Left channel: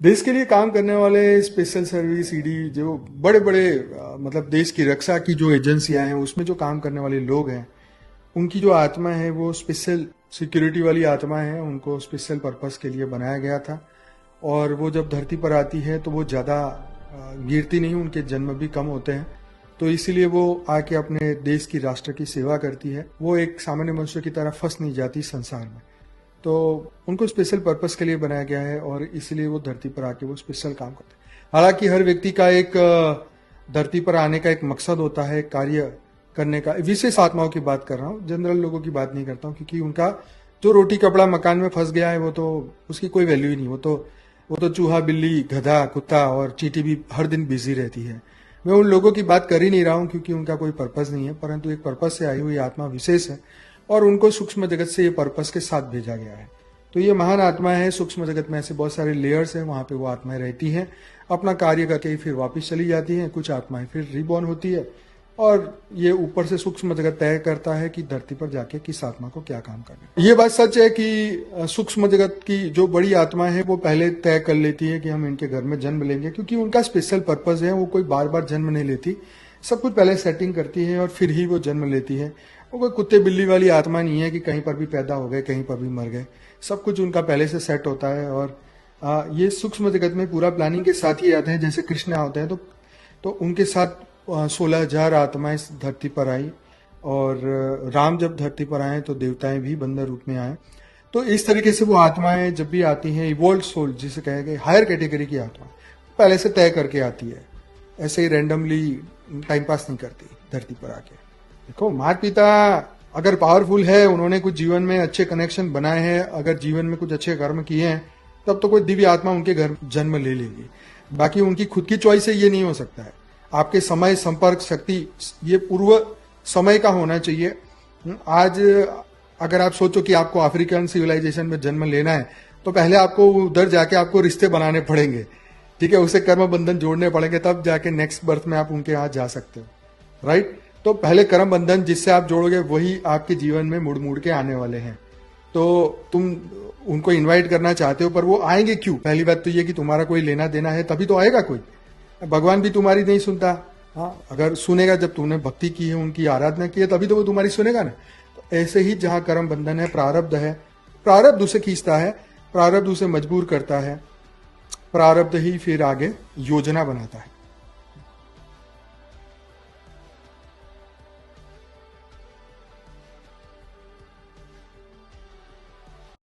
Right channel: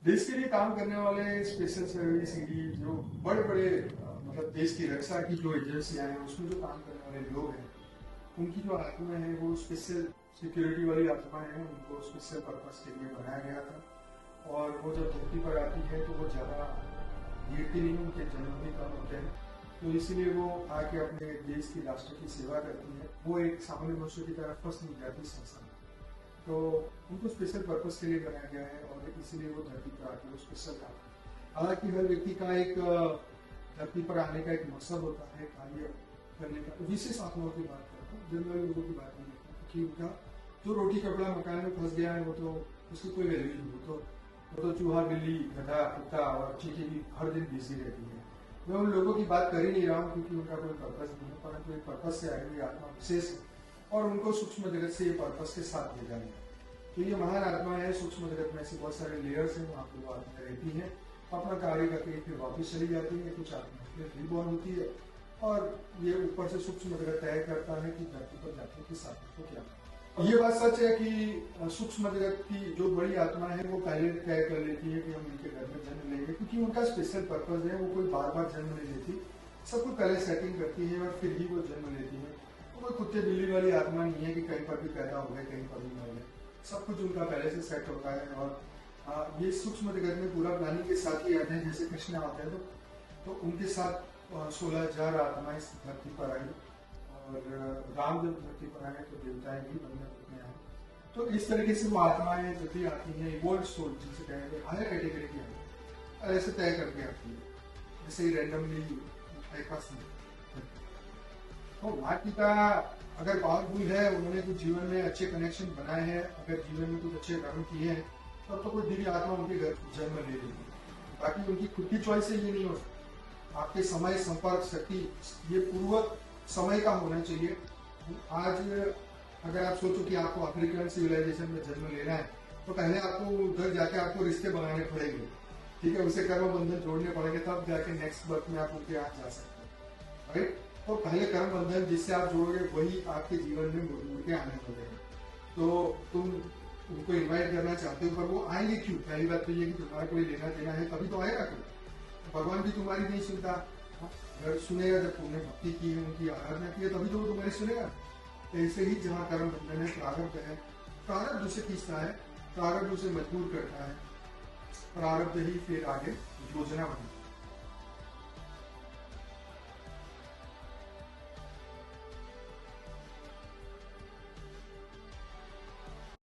देश के लिए काम करने वाले स्पेशल सर्विस ईडी जो बड़े बड़े मतलब देश की रक्षा की जो एजेंसियां हैं उसमें जो काम करने वाले लोग हैं उनकी जो आत्मा है वो स्पेशल सिक्योरिटी वाली आत्मा है। उनको स्पेशल पर्पस के लिए बनाया गया था और वो जब धरती पर आती है तो वो ज़्यादा गिरती नहीं, उनके जन्म भी कम होते हैं। तो इसीलिए वो आके अपने देश की राष्ट्र की सेवा करती है। वो एक सामान्य मनुष्य की तरह फंस नहीं जाती संसार में। तो उनको स्पेशल पर्पस के लिए बनाया गया है और इसलिए वो धरती पर आके वो स्पेशल काम करते हैं। हालांकि हर व्यक्ति का एक धरती पर आने का एक मकसद होता है, कार्य करने का। विशेष आत्माओं की बात कर रहा हूँ, जनरल लोगों की बात नहीं करता हूँ, क्योंकि उनका जो रोटी कपड़ा मकान में फंस गया है वो तो उसकी कोई वैल्यू ही नहीं। वो तो चूहा बिल्ली गधा कुत्ता और चींटी भी हर दिन बिजी रहती है। मैं उन लोगों की बात कर ही नहीं रहा हूँ क्योंकि उनका कोई पर्पस नहीं है, परंतु एक पर्पस से आई हुई आत्मा विशेष है और उनको सूक्ष्म जगत से ये पर्पस के साथ भेजा गया है। तो ये महान आत्मा है। सूक्ष्म जगत में ऐसे बहुत सारे लेयर्स हैं, वहाँ पे वो आत्माएं रहती हैं, अपना कार्य करके फिर वापस चली जाती हैं। कुछ आत्माएं फिर रिबॉर्न होती है और ये ऊपर से सूक्ष्म जगत तय करता है कि धरती पर जाके किस आत्मा को क्या काम करना है। ये बात सच है कि सूक्ष्म जगत की जो बड़ी आत्मा है वो पहले तय कर लेती है कि हम इनके घर में जन्म लेंगे, क्योंकि उनका स्पेशल पर्पज है। वो कोई बार बार जन्म नहीं लेती, सब कुछ पहले सेटिंग करती है और फिर ही वो जन्म लेती है। वो कोई कुत्ते बिल्ली वाली आत्मा नहीं है कि कहीं पर भी पैदा हो गए कहीं पर भी मर गए। सब कुछ उनका पहले से सेट होता है और ये सूक्ष्म जगत में पूरा प्लानिंग के साथ ही आते हैं। जैसे कृष्ण होते हैं तो उनके साथ 16,000 आत्माएं इस धरती पर आई और राम जब धरती पर आए तो देवताएं भी बंदर रूप में आए। तो इस तरीके से वो आत्माएं जब भी आती हैं, इवोल्व सोल जिसे कहे गए, हायर कैटेगरी की आत्मा पहले से तय करके आती है, ऐसे ही रैंडमली टाइम पास नहीं करती धरती पर आके। देखो, माता पिता अगर पावरफुल है, उन्होंने कुछ जीवन में अच्छे कनेक्शन बनाए हैं, अगर जीवन में कुछ अच्छे कर्म किए हैं, तब तो कोई दिव्य आत्मा उनके घर जन्म ले लेगी। बाकी उनकी खुद की चॉइस से ये नहीं हो सकता है। आपके समय संपर्क शक्ति ये पूर्व समय का होना चाहिए। आज अगर आप सोचो कि आपको अफ्रीकन सिविलाइजेशन में जन्म लेना है तो पहले आपको उधर जाके आपको रिश्ते बनाने पड़ेंगे, ठीक है, उसे कर्म बंधन जोड़ने पड़ेंगे, तब जाके नेक्स्ट बर्थ में आप उनके यहाँ जा सकते हो, राइट। तो पहले कर्म बंधन जिससे आप जोड़ोगे वही आपके जीवन में मुड़ मुड़ के आने वाले हैं। तो तुम उनको इनवाइट करना चाहते हो पर वो आएंगे क्यों? पहली बात तो ये कि तुम्हारा कोई लेना देना है तभी तो आएगा कोई। भगवान भी तुम्हारी नहीं सुनता। हाँ, अगर सुनेगा जब तुमने भक्ति की है, उनकी आराधना की है, तभी तो वो तुम्हारी सुनेगा ना। तो ऐसे ही जहाँ कर्म बंधन है, प्रारब्ध है, प्रारब्ध उसे खींचता है, प्रारब्ध उसे मजबूर करता है, प्रारब्ध ही फिर आगे योजना बनाता है।